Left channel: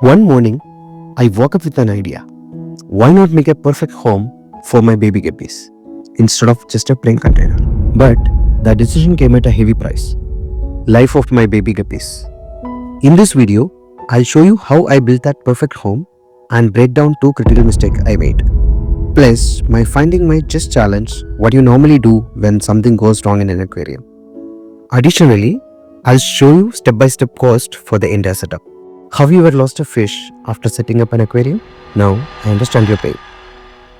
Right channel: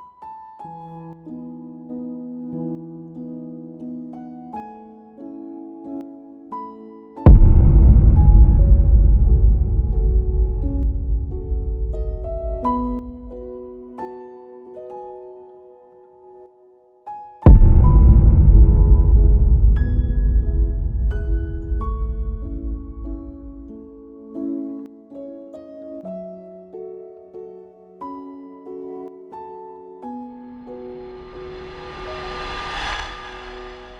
One morning, I woke up with an idea. Why not make a perfect home for my baby guppies instead of just a plain container? But the decision came at a heavy price. Life of my baby guppies. In this video, I'll show you how I built that perfect home and break down 2 critical mistakes I made. Plus, my finding might just challenge what you normally do when something goes wrong in an aquarium. Additionally, I'll show you step-by-step cost for the entire setup. Have you ever lost a fish after setting up an aquarium? Now, I understand your pain.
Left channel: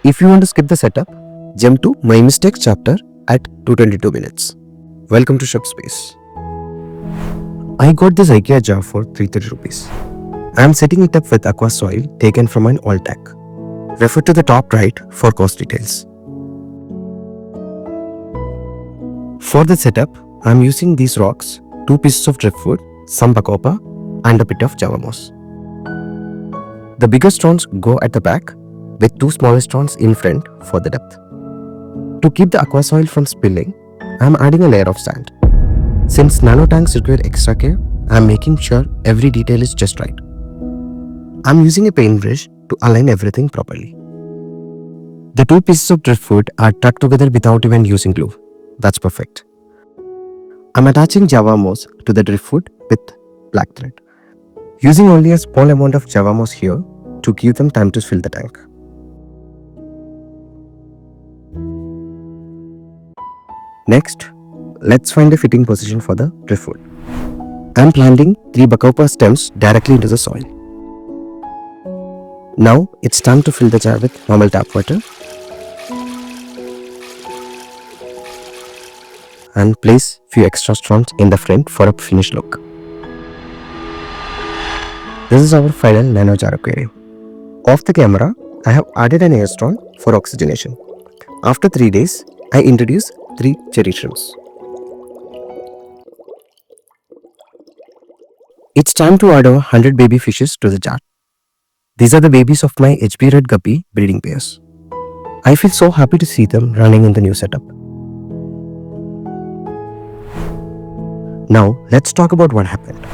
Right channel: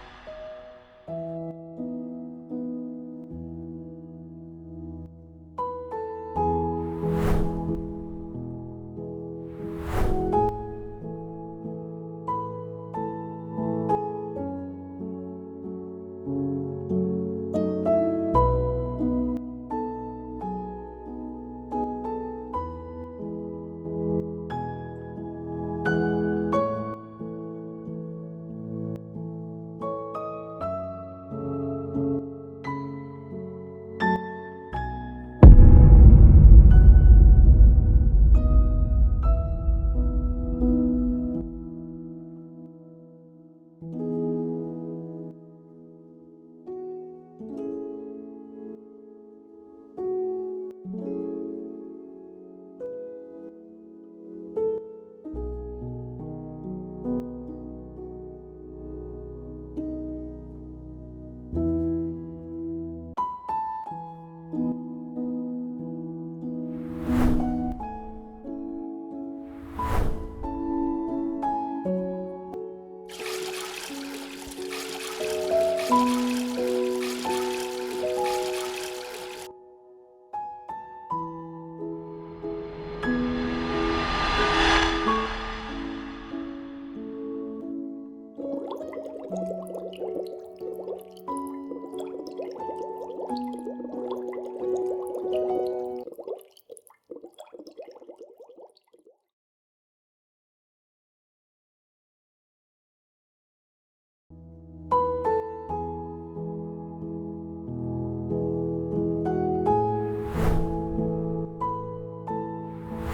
If you want to skip the setup, jump to My Mistakes chapter at 222 minutes. Welcome to Shop Space. I got this IKEA jar for 330 rupees. I am setting it up with aqua soil taken from an old tank. Refer to the top right for cost details. For the setup, I am using these rocks, 2 pieces of driftwood, some bacopa, and a bit of java moss. The bigger stones go at the back, with 2 smaller stones in front for the depth. To keep the aqua soil from spilling, I am adding a layer of sand. Since nano tanks require extra care, I am making sure every detail is just right. I am using a paintbrush to align everything properly. The 2 pieces of driftwood are tucked together without even using glue. That's perfect. I am attaching java moss to the driftwood with black thread. Using only a small amount of java moss here to give them time to fill the tank. Next, let's find a fitting position for the driftwood. I am planting 3 bacopa stems directly into the soil. Now it's time to fill the jar with normal tap water and place few extra stones in the front for a finished look. This is our final nano jar aquarium. Off the camera, I have added an air stone for oxygenation. After 3 days, I introduce 3 cherry shrimps. It's time to add our 100 baby fishes to the jar. These are the babies of my HB red guppy breeding pairs. I feel so happy to see them running in the new setup. Now, let's talk about what happened.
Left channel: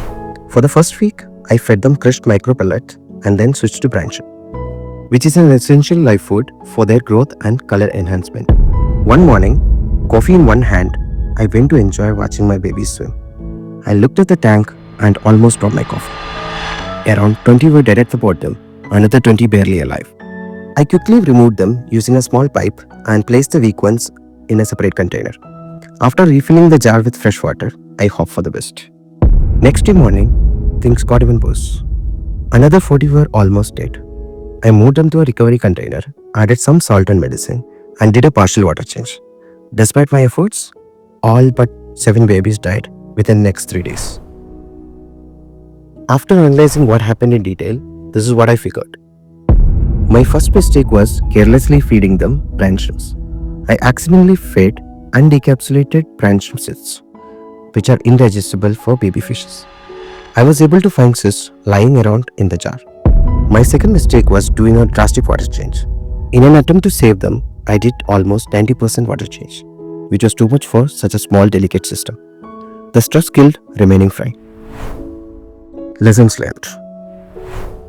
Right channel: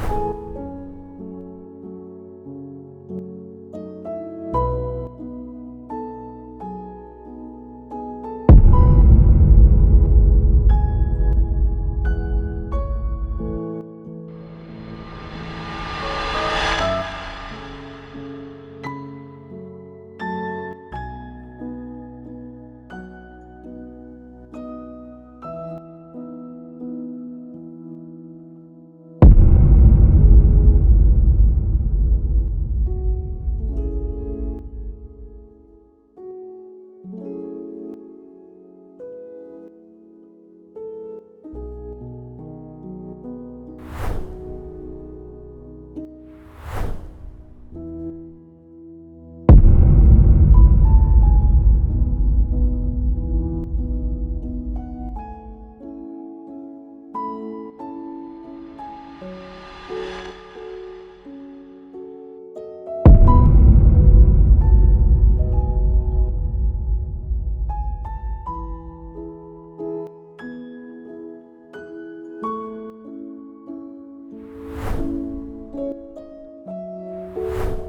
For the first week, I fed them crushed micro pellets and then switched to branch, which is an essential live food for their growth and color enhancement. One morning, coffee in one hand, I went to enjoy watching my babies swim. I looked at the tank and almost dropped my coffee. Around 20 were dead at the bottom, another 20 barely alive. I quickly removed them using a small pipe and placed the weak ones in a separate container. After refilling the jar with fresh water, I hoped for the best. Next day morning, things got even worse. Another 40 were almost dead. I moved them to a recovery container, added some salt and medicine, and did a partial water change. Despite my efforts, all but 7 babies died within the next 3 days. After analyzing what happened in detail, this is what I figured. My first mistake was carelessly feeding them brine shrimps. I accidentally fed unencapsulated brine shrimp cysts, which are indigestible for baby fishes. I was able to find cysts lying around in the jar. My second mistake was doing a drastic water change. In an attempt to save them, I did almost 90% water change, which was too much for such a small, delicate system. The stress killed remaining fry. Lessons learned.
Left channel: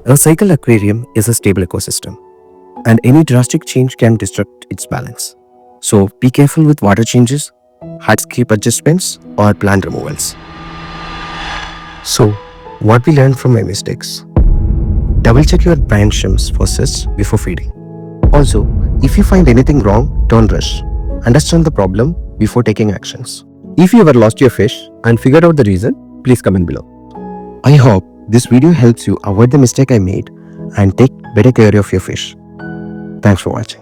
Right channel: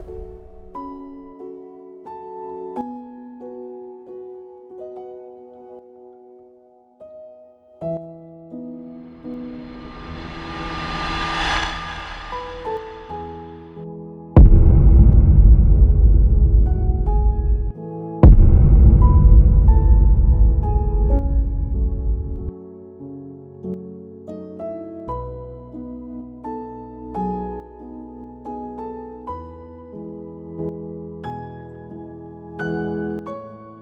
A cycle aquarium is a stable ecosystem, and any drastic change can disrupt its balance. So be careful with water changes, hardscape adjustments, or plant removals. So, what we learned from my mistakes? Double check your brine shrimps for cysts before feeding. Also, if you find anything wrong, don't rush. Understand the problem before taking actions. If you ever lost your fish and figured out the reason, please comment below. I hope this video helps you avoid the mistake I made and take better care of your fish. Thanks for watching.